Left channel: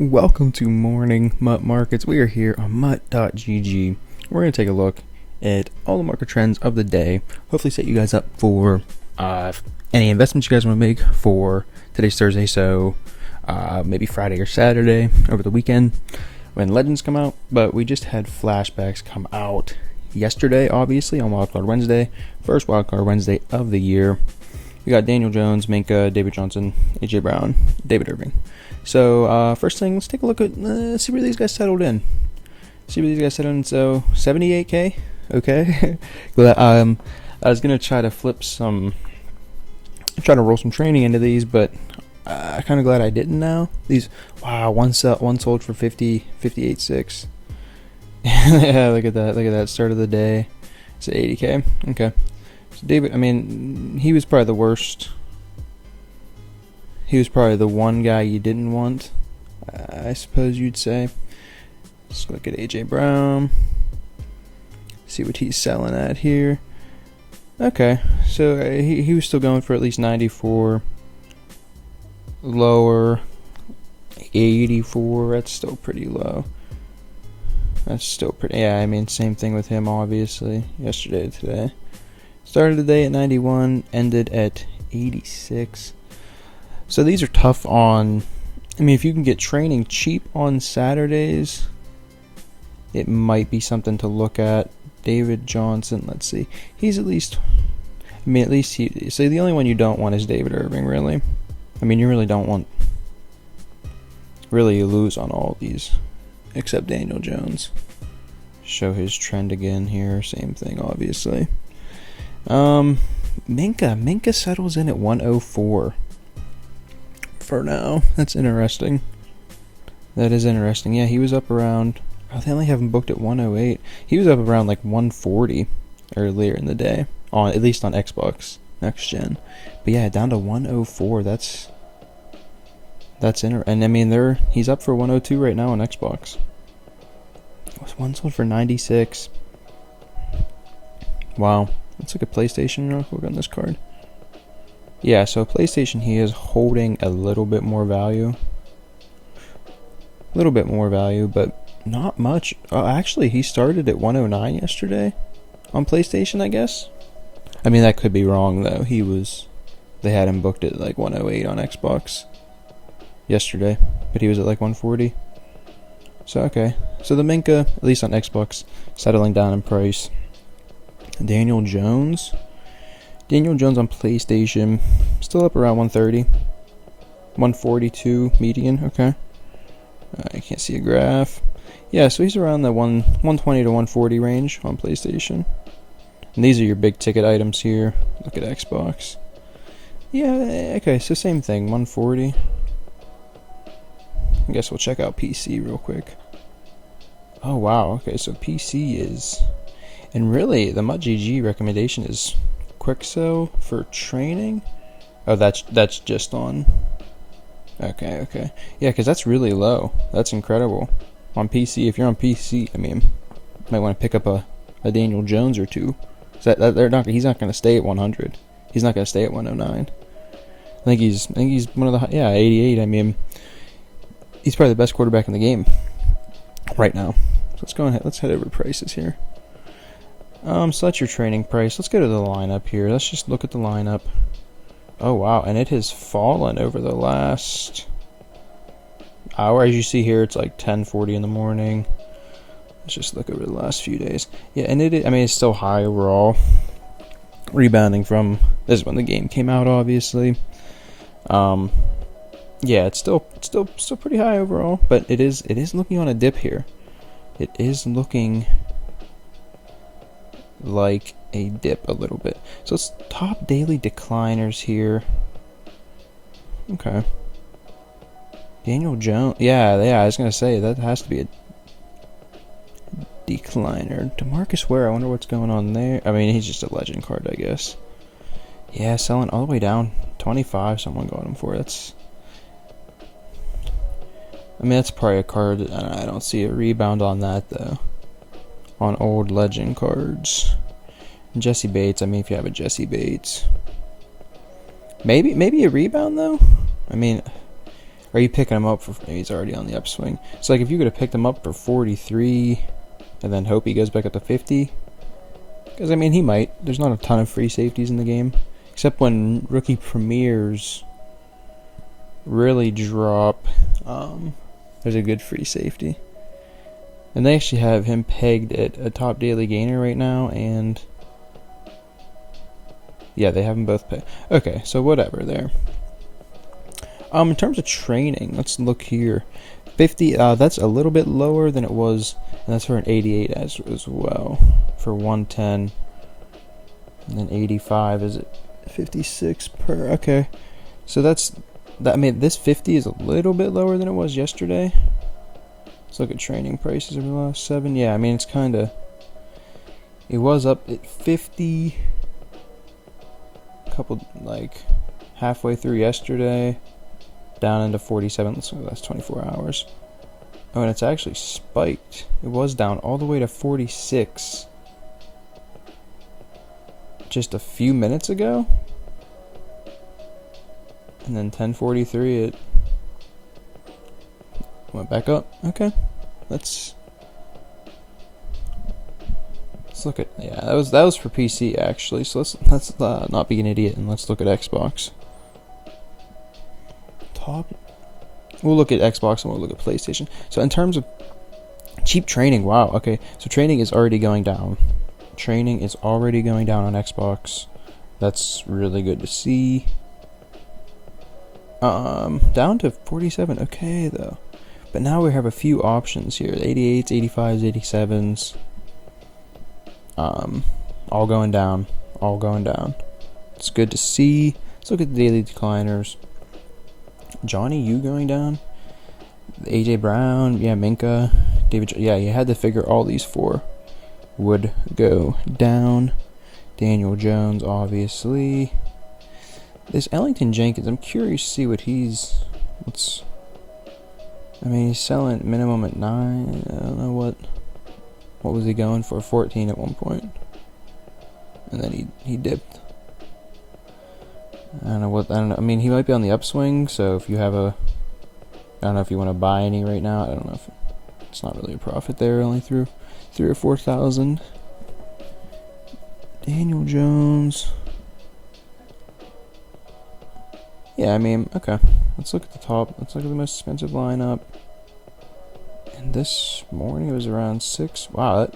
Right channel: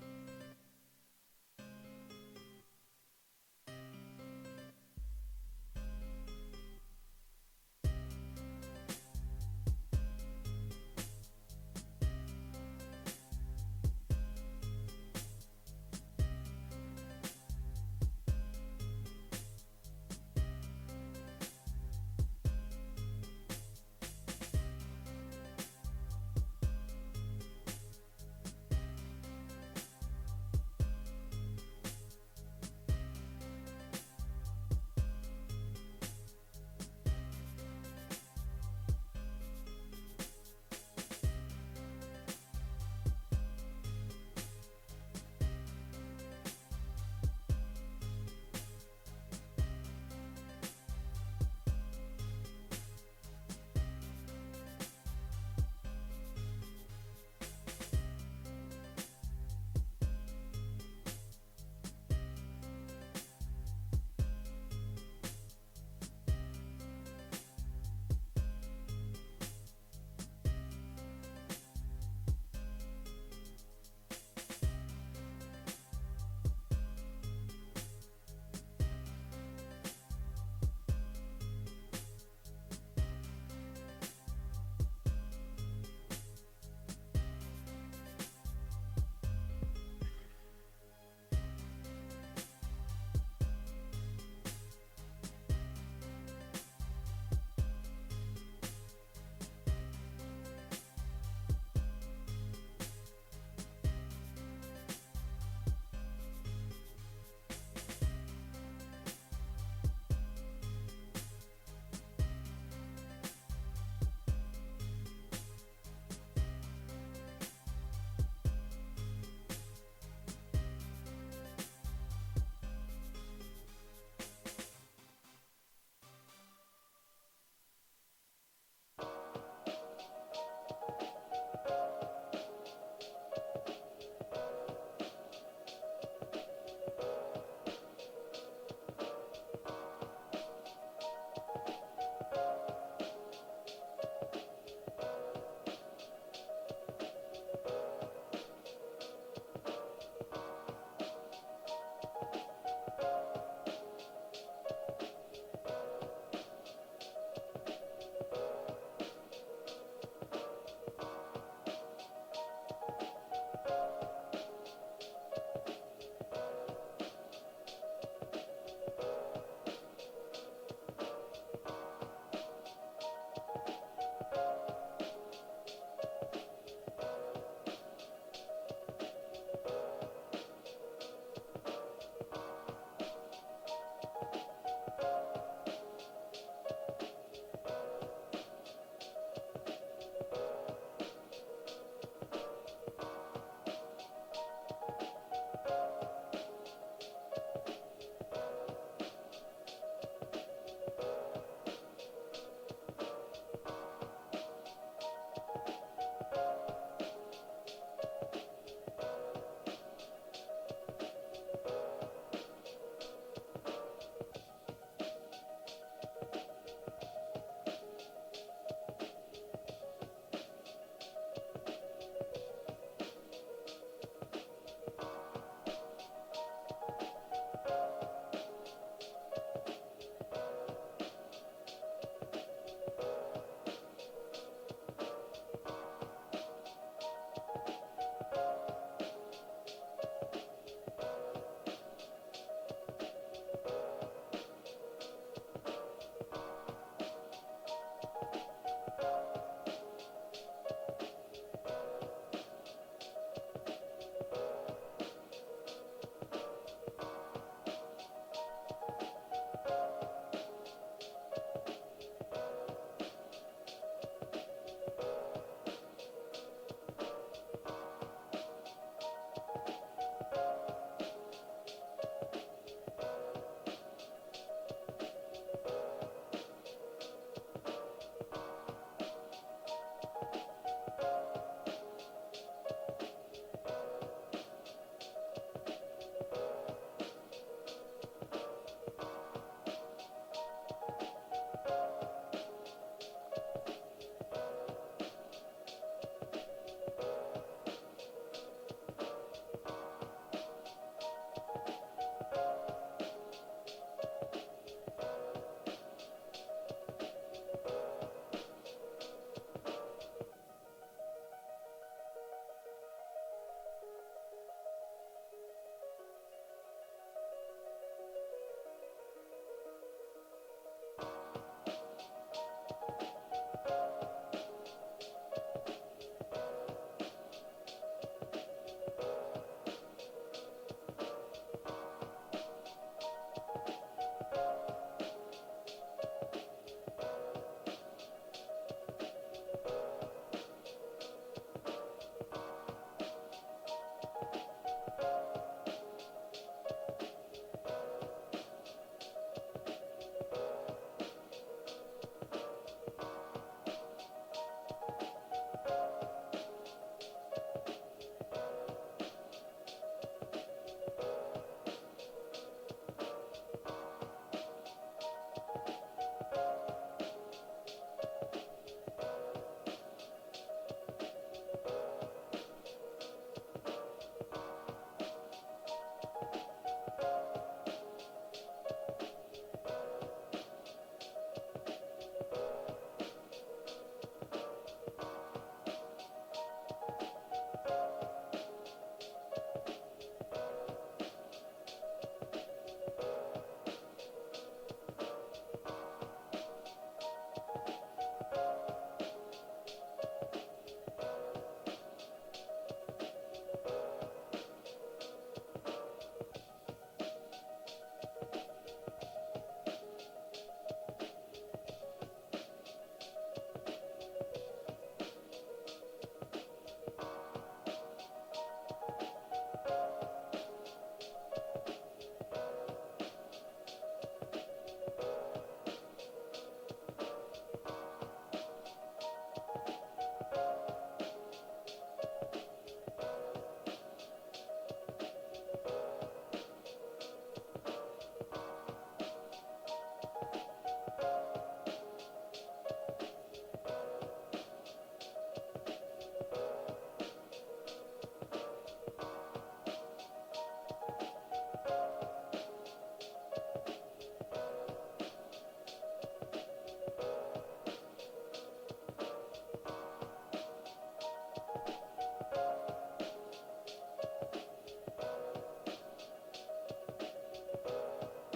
Welcome to Morning MUT Markets. We are here on MUT.gg. We're going to take a look at all the market trends of the day. Hopefully set you guys up for any investments you guys want to make for today's Thursday, so maybe Friday or Saturday over the weekend when Legends come out. But we just had flashbacks come out yesterday, obviously, on Wildcard Wednesday. First Wildcard Wednesday of the year. We got Daniel Jones, Minka, David Johnson, AJ Brown, David Irving. So first thing, let's take a look at, see where these guys settled in. So 78K, okay. I was going to try to try to roll some training into these, but I'm kind of glad I didn't now. These, wow, one sold for 58.6. Yeah, look at that start of the day. It's at 80K, okay. So David, I mean, he was probably the worst. He was probably the one guy you didn't want, I suppose you'd say. Let's look at AJ Brown. See what he's selling at here. Okay, so he was still going for at least 94. Lower, 84. That's still pretty low. That's still pretty. Yeah, I mean, same thing with him, obviously. Yesterday to today. Started the day at 91, ended at 86. So these are tough on, I mean, if you can get training cheap on Saturdays, it might be something to look at. David Johnson, let's see. He's at least, I mean, so the only one you don't want is David Irving, really. I mean, you really don't want, really you lose on all of these, except Daniel Jones. Show his trend again here, same thing, obviously. Minka settles in at 104. For now. That's interesting. That is interesting. Yeah, he was up around, they only have him booked at 108. He was up around like 140 earlier in the day, at least on Xbox Next Gen. But yeah, down to 104. That's and I mean, he's up for 102 right now on Xbox. One sold for 96. Wow. Let's look at PlayStation real quick on this card. Yeah, so PlayStation, he is holding a little bit more value. But not much. Actually, he started at 109 yesterday on PlayStation, I guess. I mean, that could be wrong, though. They had him booked at like 108 on Xbox yesterday, but he was at like 140. So, okay. So the Minka, at least on Xbox, settling down in price. Daniel Jones on PlayStation, still up around 130. 142 median, okay. I can't see a graph. Yeah, so he's around the 120 to 140 range on PlayStation. And these are your big ticket items here. Look at Xbox. Yeah, okay, so same thing, 140. I guess we'll check out PC real quick. Oh, wow, okay, so PC is... And really, the MUT.gg recommendation is quick sell for training. Oh, that's just on. Okay. Yeah, because that's really low. That's incredible. On PC, if you're on PC, I mean, you might want to pick up a Daniel Jones or two. He's not going to stay at 100. He's not going to stay at 109. I think he's one of the 88. I mean, he's probably the best quarterback in the game right now. So let's go ahead. Let's head over to prices here. So that's your training price. Let's go to the lineup here. Let's just look at the lineup. Oh, wow. And it has fallen over the last hour. As you see here, it's like 10:40 in the morning. Let's just look over the last few days. Yeah, and it's still high overall. Rebounding from, this is when the game came out, obviously. Yeah, it's still pretty high overall, but it is looking on a dip here. It is looking like a dip a little bit. So it's top daily decliners here. Okay. Daniel Jones. Yeah, I was gonna say that has to be a decliner. DeMarcus Ware, I wonder what's going on there. I mean, he's just a legend card, I guess. Yeah, selling all the way down 25. Someone got him for. That's probably a card. I don't see a rebound on that though. On old legend cards. Jesse Bates, I mean, if you have a Jesse Bates. Maybe a rebound, though? I mean, Are you picking him up for? Maybe he's already on the upswing. It's like if you could have picked him up for 43, and then hope he goes back up to 50. Because I mean, he might. There's not a ton of free safeties in the game, except when rookie premieres really drop. There's a good free safety, and they actually have him pegged at a top daily gainer right now, and yeah, they have them both pegged. Okay, so whatever there. In terms of training, let's look here. 50, that's a little bit lower than it was, and that's for an 88 as well, for 110. And then 85 is it 56 per, okay. So that, I mean, this 50 is a little bit lower than it was yesterday. Let's look at training prices over the last 7. Yeah, I mean, it's kind of, it was up at 50, couple, like, halfway through yesterday. Down into 47, so that's 24 hours. Oh, and it's actually spiked. It was down all the way to 46 just a few minutes ago. And then 10:43 it went back up. Okay. Let's look at, yeah, that was for PC actually. So let's not be an idiot and let's look at Xbox. We'll look at Xbox and we'll look at PlayStation. So in terms of cheap training, wow, okay. So training is already going down. Training is already going down on Xbox. That's really good to see. Down to 47, okay though. But now we have a few options here. 88s, 85s, 87s. All going down. All going down. It's good to see. Let's look at the daily decliners. Johnny, you going down? AJ Brown, yeah, Minka, David, yeah, you had to figure all these 4 would go down. Daniel Jones, obviously. This Ellington Jenkins, I'm curious to see what I mean, he's selling minimum at 9. I don't know what was he going for? 14 at one point, and then he dipped. I don't know. I mean, he might be on the upswing, so if you have I don't know if you want to buy any right now. I don't know if it's not really a profit there, only through 3,000 or 4,000. Daniel Jones. Yeah, I mean, okay. Let's look at the top. Let's look at the most expensive lineup. And this morning it was around 6. Wow,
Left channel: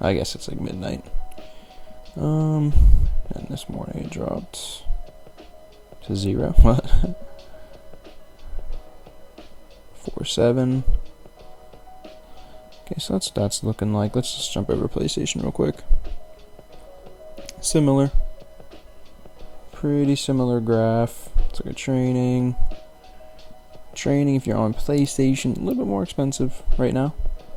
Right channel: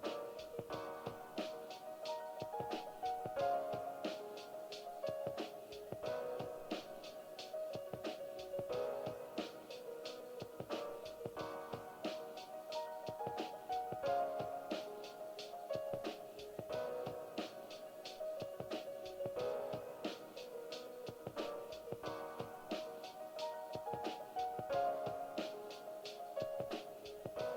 I guess it's like midnight. And this morning it dropped to 0. What? 4.7. Okay, so that's looking like. Let's just jump over PlayStation real quick. Similar. Pretty similar graph. It's like a training. Training, if you're on PlayStation, a little bit more expensive right now.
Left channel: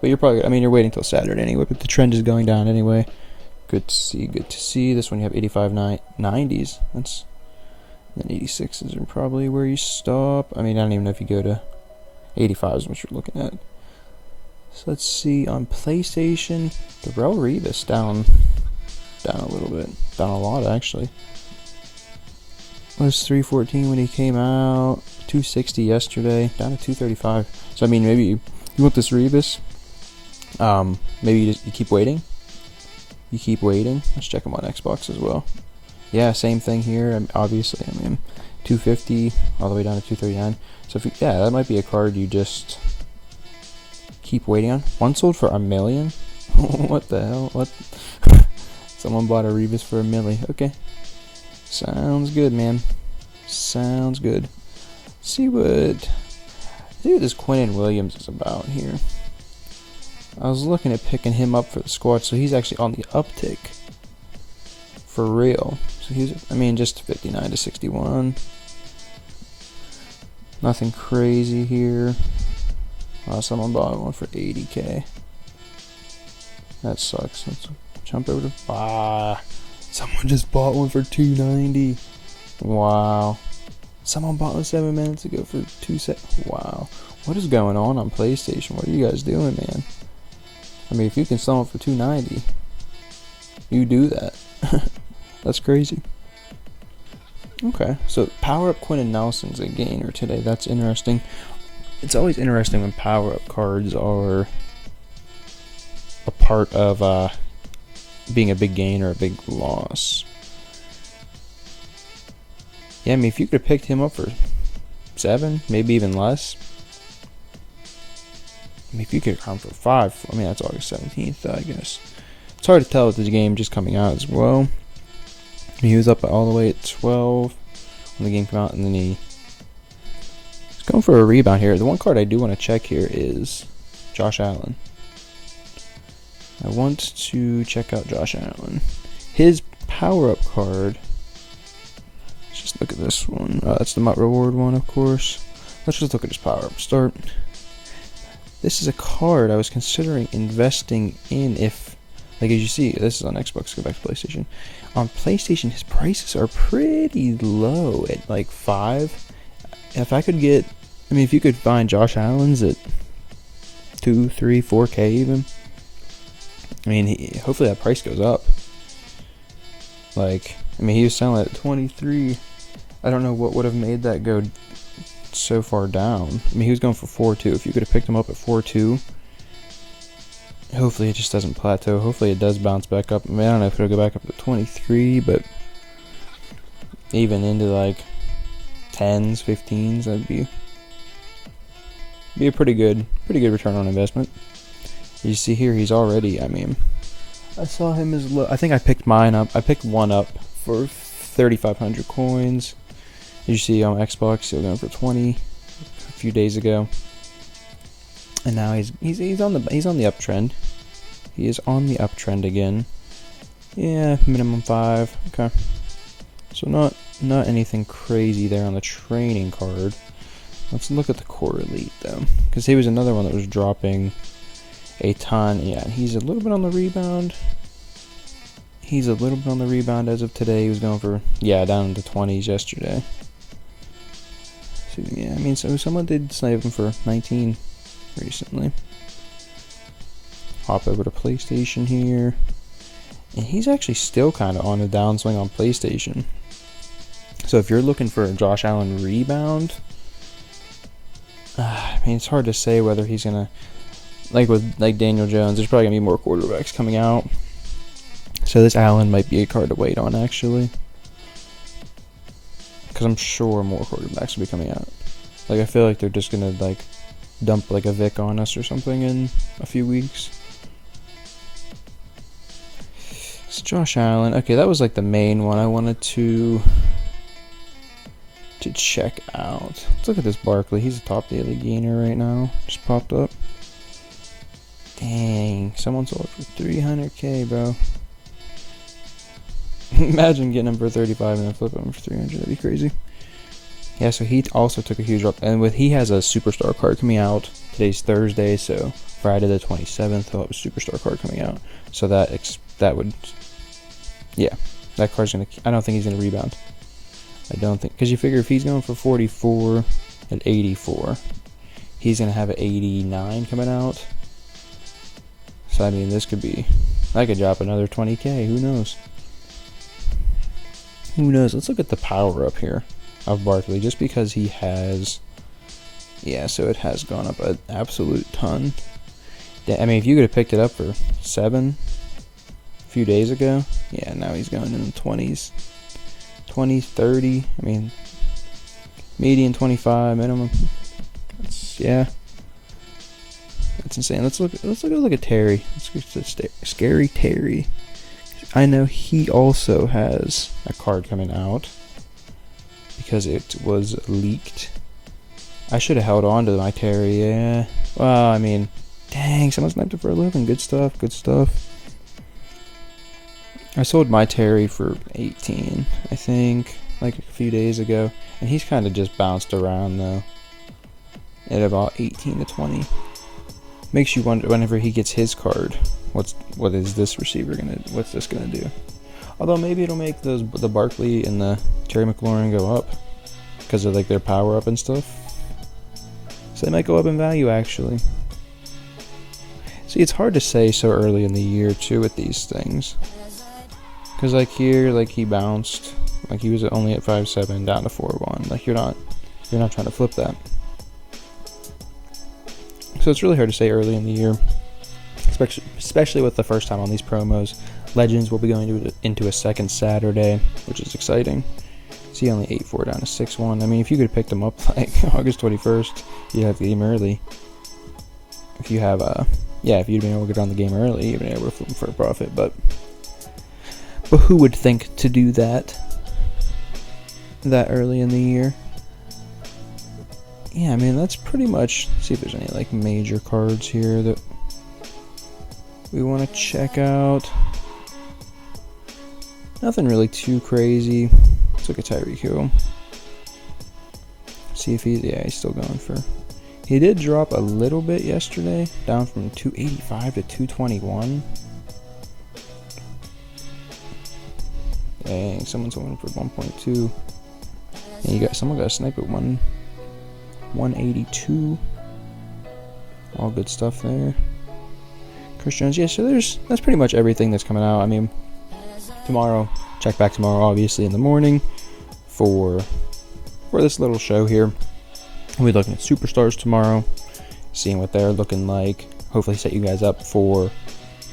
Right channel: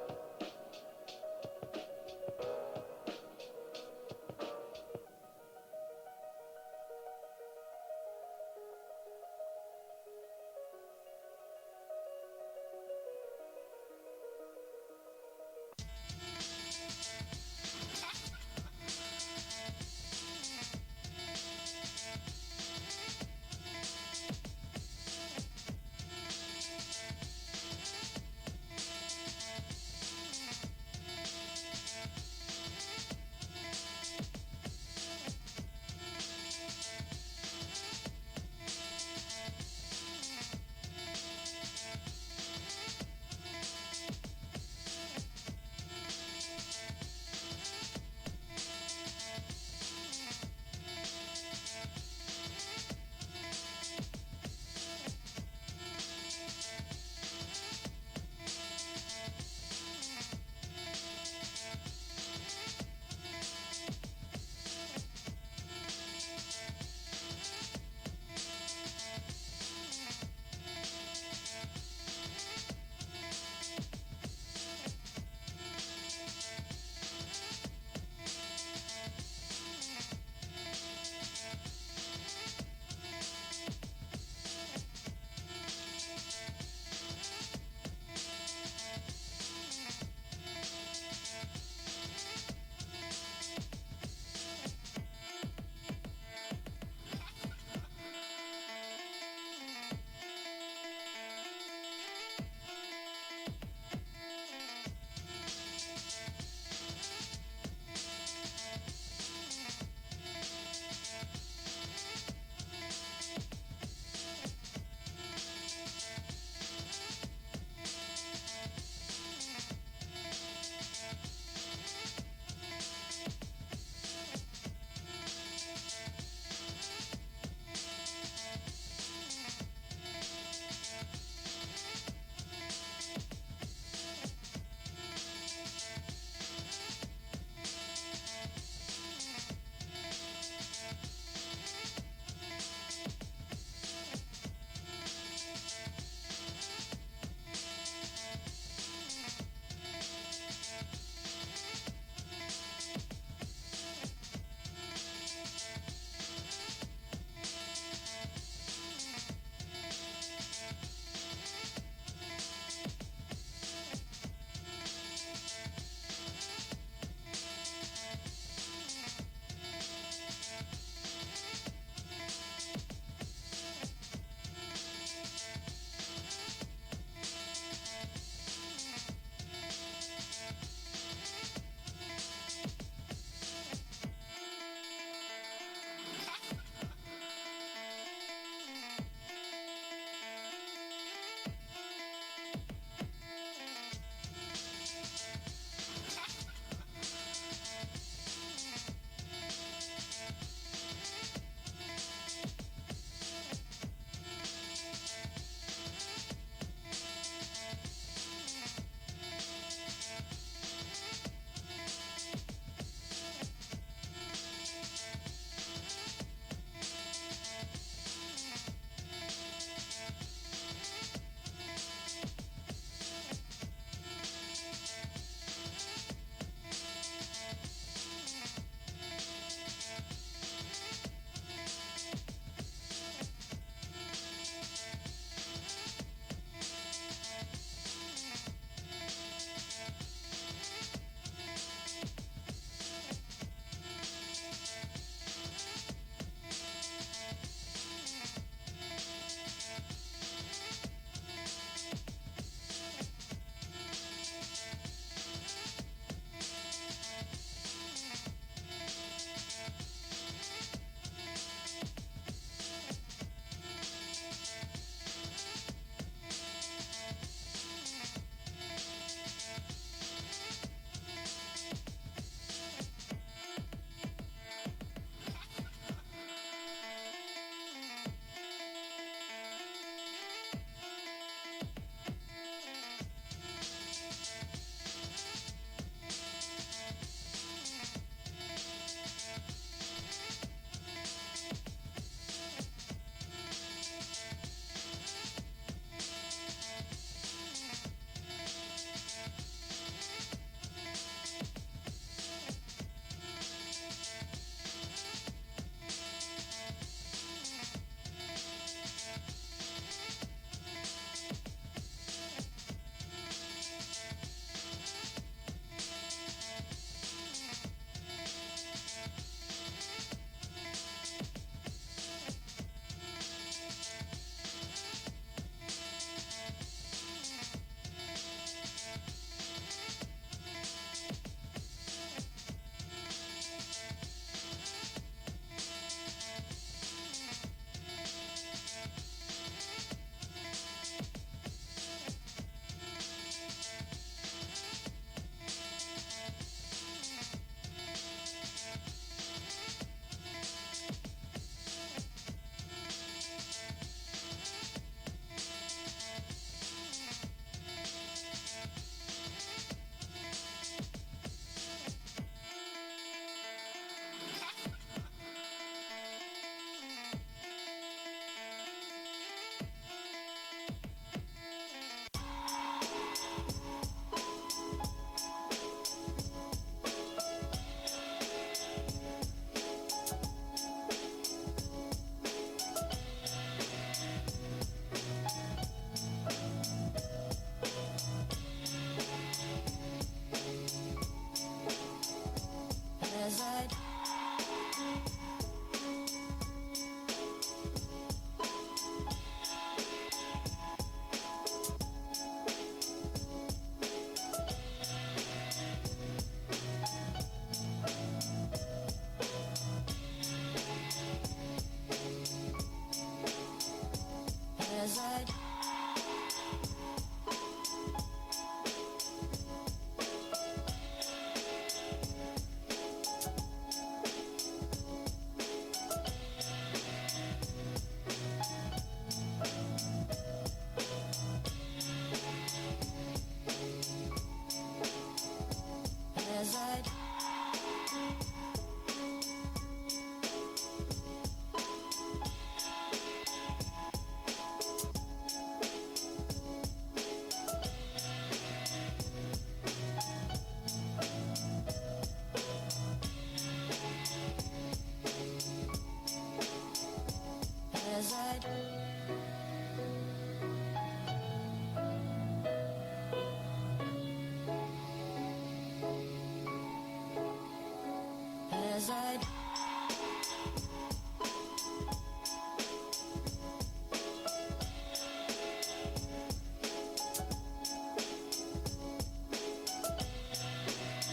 But you're probably, I mean, you're waiting till Saturday anyway, but the trend is going down anyway. Good to see, good to see. This one you have 85 90s. That's, then 86s are probably where you stop. I mean, I don't even know if you go to 85 is what you're looking at. So let's see, on PlayStation, Darrelle Revis down a little bit. Down a lot, actually. It was 314 when he came out, 260 yesterday, down to 235. So I mean, maybe you want this Revis. Maybe you keep waiting. You keep waiting. Let's check him on Xbox as well. Yeah, same thing here. And obviously, I mean, 250 all the way down to 239. So if yeah, that might be a card you just keep waiting on. One sold for $1 million. What the hell? What? Someone bought a Revis for $1 million. Okay. Sounds good, man. Sounds good. See what this Quinnen Williams is about here. I was looking at picking him up for the squad, so he's actually on the uptick. For real. So he's, I mean, just 59 to 61. Nothing crazy here. Someone bought one for 80K. That sucks. Let's jump over to someone just bought one for 290. Wow. Someone bought one 7 minutes ago for 270. Wow. What is going on PlayStation? What are you guys doing, man? I mean, if you can sell it for 290, you do that. That's crazy. Okay, so power up Quentin Nelson's a gainer today. That's interesting. It's always interesting when power up cards are a part of being a big gain or a big loss. Yeah, I mean, if you could have picked him up for 7, maybe even less. I mean, if you could have gone for 5, I mean, that's August 17th, I guess. It's hard to tell with the game just coming out as well. He was up all the way at 12 when the game came out, and then he's going for a rebound here. The one card I do want to check here is Josh Allen. I want to check out Josh Allen. His power-up card. Let's just look at this one. That's the MUT reward one, of course. Let's just look at his power-up start. This is a card I was considering investing in if, like, as you see, this is on Xbox, go back to PlayStation. On PlayStation, his prices are pretty low at like 5. If I could get, I mean, if you could find Josh Allen's at 2, 3, 4K even, I mean, hopefully that price goes up. Like, I mean, he was selling at 23. I don't know what would have made that go so far down. I mean, he was going for 4.2. If you could have picked him up at 4.2, hopefully it just doesn't plateau. Hopefully it does bounce back up. I mean, I don't know if it'll go back up to 23, but even into like 10s, 15s, that'd be a pretty good return on investment. You see here, he's already, I mean, I saw him as low. I think I picked mine up. I picked one up for 3,500 coins. As you see on Xbox, he was going for 20 a few days ago. And now he's on the uptrend. He is on the uptrend again. Yeah, minimum 5. Okay. So not anything crazy there on the training card. Let's look at the core elite though, because he was another one that was dropping a ton. Yeah, he's a little bit on the rebound. He's a little bit on the rebound as of today. He was going for, yeah, down into 20s yesterday. So, yeah, I mean, so someone did snipe him for 19 recently. Hop over to PlayStation here. And he's actually still kind of on a downswing on PlayStation. So if you're looking for a Josh Allen rebound, I mean, it's hard to say whether he's going to, like Daniel Jones, there's probably going to be more quarterbacks coming out. So this Allen might be a card to wait on, actually. Because I'm sure more quarterbacks will be coming out. Like, I feel like they're just going to, like, dump, like, a Vic on us or something in a few weeks. It's Josh Allen. Okay, that was, like, the main one I wanted to check out. Let's look at this Barkley. He's a top daily gainer right now. Just popped up. Dang, someone sold for 300K, bro. Imagine getting him for 35 and then flipping him for 300. That'd be crazy. Yeah, so he also took a huge drop. And he has a superstar card coming out. Today's Thursday, so Friday the 27th, he'll have a superstar card coming out. So that would, yeah, that card's gonna. I don't think he's gonna rebound. I don't think, because you figure if he's going for 44 at 84, he's gonna have an 89 coming out. So I mean, this could be, I could drop another 20K. Who knows? Who knows? Let's look at the power up here of Barkley, just because he has, yeah, so it has gone up an absolute ton. I mean, if you could have picked it up for 7 a few days ago, yeah, now he's going in the 20s, 20, 30. I mean, median 25, minimum. Yeah, that's insane. Let's look at Terry. Let's look at Scary Terry. I know he also has a card coming out because it was leaked. I should have held on to my Terry, yeah. Well, I mean, dang, someone sniped it for 11. Good stuff, good stuff. I sold my Terry for 18, I think, like a few days ago. And he's kind of just bounced around, though, at about 18 to 20. Makes you wonder whenever he gets his card, what's this gonna do? Although maybe it'll make the Barkley and the Terry McLaurin go up because of like their power up and stuff. So they might go up in value actually. See, it's hard to say so early in the year too with these things. Because like here, like he bounced Like, he was only at 5.7 down to 4.1. Like, you're not trying to flip that. So it's really hard to say early in the year, especially with the first time on these promos. Legends will be going into a second Saturday, which is exciting. See, only 8.4 down to 6.1. I mean, if you could have picked them up like August 21st, you'd have the game early. If you have if you'd been able to get on the game early, you'd been able to flip them for a profit. But who would think to do that early in the year? Yeah, I mean, that's pretty much. See if there's any like major cards here that we want to check out. Nothing really too crazy. Let's look at Tyreek Hill. See if he's still going for. He did drop a little bit yesterday, down from 285 to 221. Dang, someone's going for 1.2. And someone got a snipe at 182. All good stuff there. Chris Jones, yeah, so that's pretty much everything that's coming out. I mean, tomorrow, check back tomorrow, obviously, in the morning for this little show here. We'll be looking at superstars tomorrow, seeing what they're looking like. Hopefully set you guys up for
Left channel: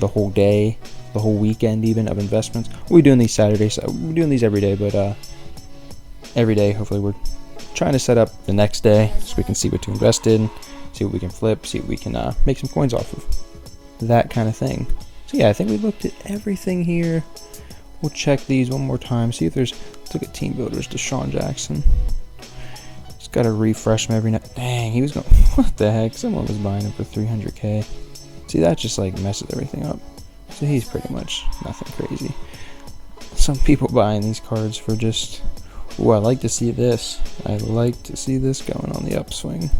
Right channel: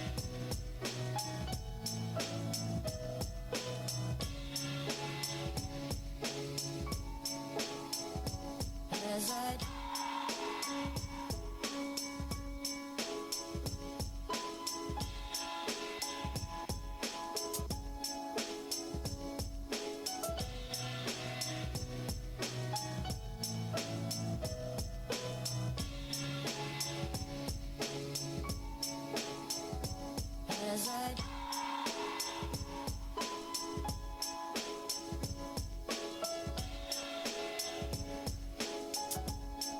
the whole day, the whole weekend even of investments. We're doing these Saturdays. We're doing these every day, but every day, hopefully we're trying to set up the next day so we can see what to invest in, see what we can flip, see what we can make some coins off of. That kind of thing. So yeah, I think we looked at everything here. We'll check these one more time, see if there's. Let's look at team builders. Deshaun Jackson. Just gotta refresh him every night. Dang, he was going. What the heck? Someone was buying him for 300K. See, that just like messes everything up. So he's pretty much nothing crazy. Some people buying these cards for just. Ooh, I like to see this. I like to see this going on the upswing.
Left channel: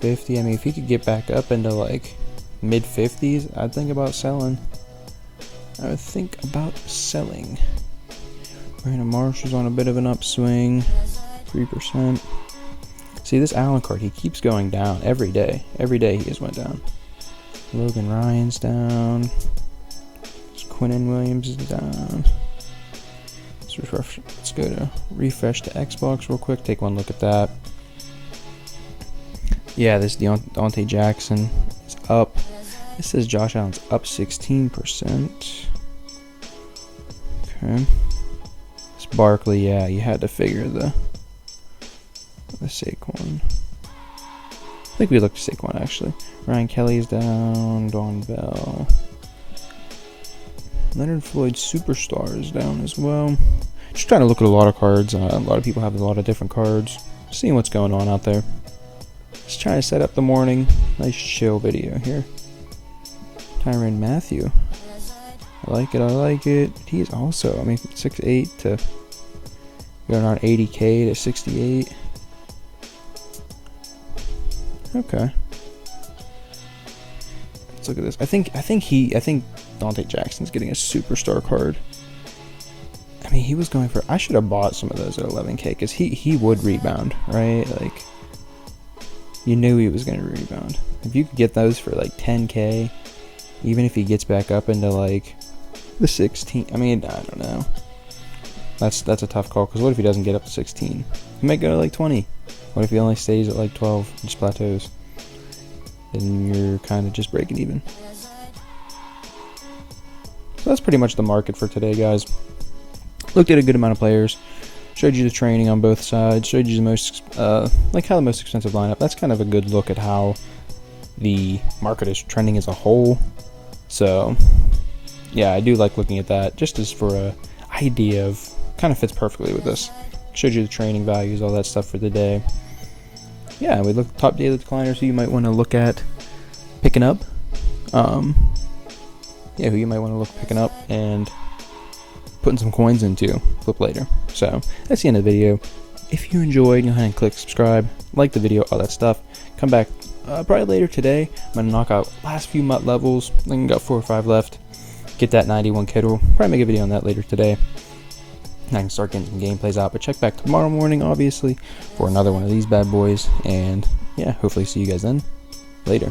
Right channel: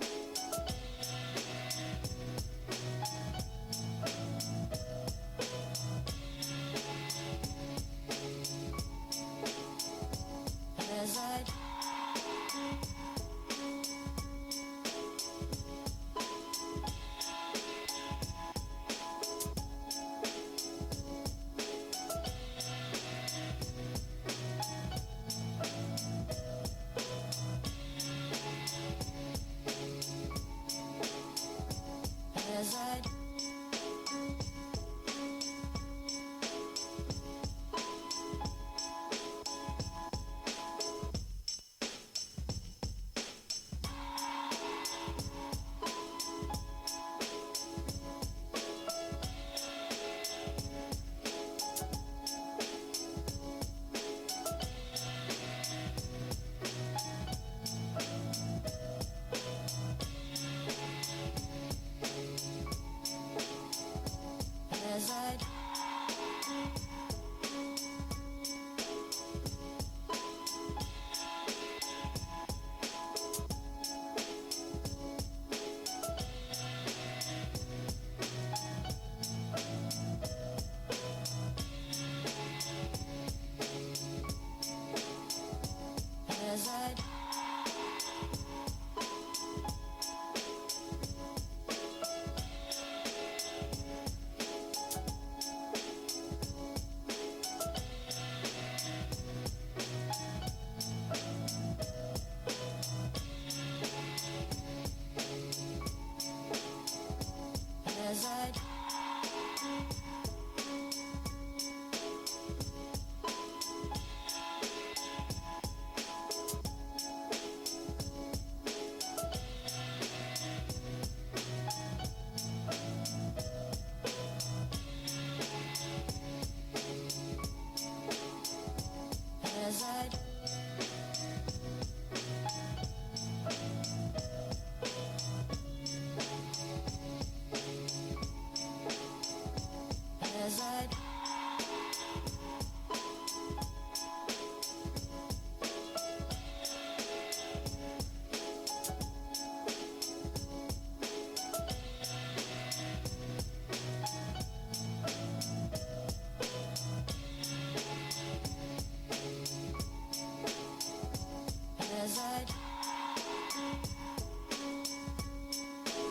50. I mean, if he could get back up into like mid 50s, I'd think about selling. Brandon Marshall's on a bit of an upswing. 3%. See, this Allen card, he keeps going down every day. Every day he just went down. Logan Ryan's down. Quinnen Williams is down. Let's go to refresh the Xbox real quick. Take one look at that. Yeah, this Deontay Jackson is up. It says Josh Allen's up 16%. Okay. It's Barkley. Yeah, you had to figure the Saquon. I think we looked at Saquon actually. Ryan Kelly's down. Don Bell. Leonard Floyd Superstar is down as well. Just trying to look at a lot of cards. A lot of people have a lot of different cards. Seeing what's going on out there. Just trying to set up the morning. Nice chill video here. Tyrann Mathieu. I like it. He's also, 6'8" to going on 80K to 68. Okay. Let's look at this. I think Deontay Jackson's getting a superstar card. I mean, he was going for. I should have bought some of those at 11K because he would rebound, right? Like, you knew he was going to rebound. If you could get those for like 10K, even if he gets back up into like the 16, I mean, I don't know. That's a tough call because what if he doesn't get up to 16? He might go to like 20. What if he only stays at like 12, just plateaus? Then you're kind of just breaking even. So that's pretty much the market for today, guys. Looked at a good amount of players. Showed you the training on both sides. Showed you the most, how the most expensive lineup. That's kind of a good look at how the market is trending as a whole. So, yeah, I do like looking at that just as for a idea of, kind of fits perfectly with this. Showed you the training values, all that stuff for the day. Yeah, we looked top daily decliners who you might want to look at picking up. Who you might want to look picking up and putting some coins into flip later. So that's the end of the video. If you enjoyed, go ahead and click subscribe, like the video, all that stuff. Come back probably later today. I'm gonna knock out last few MUT levels. I think I got 4 or 5 left. Get that 91 Kittle. Probably make a video on that later today. I can start getting some gameplays out, but check back tomorrow morning, obviously, for another one of these bad boys. And yeah, hopefully see you guys then. Later.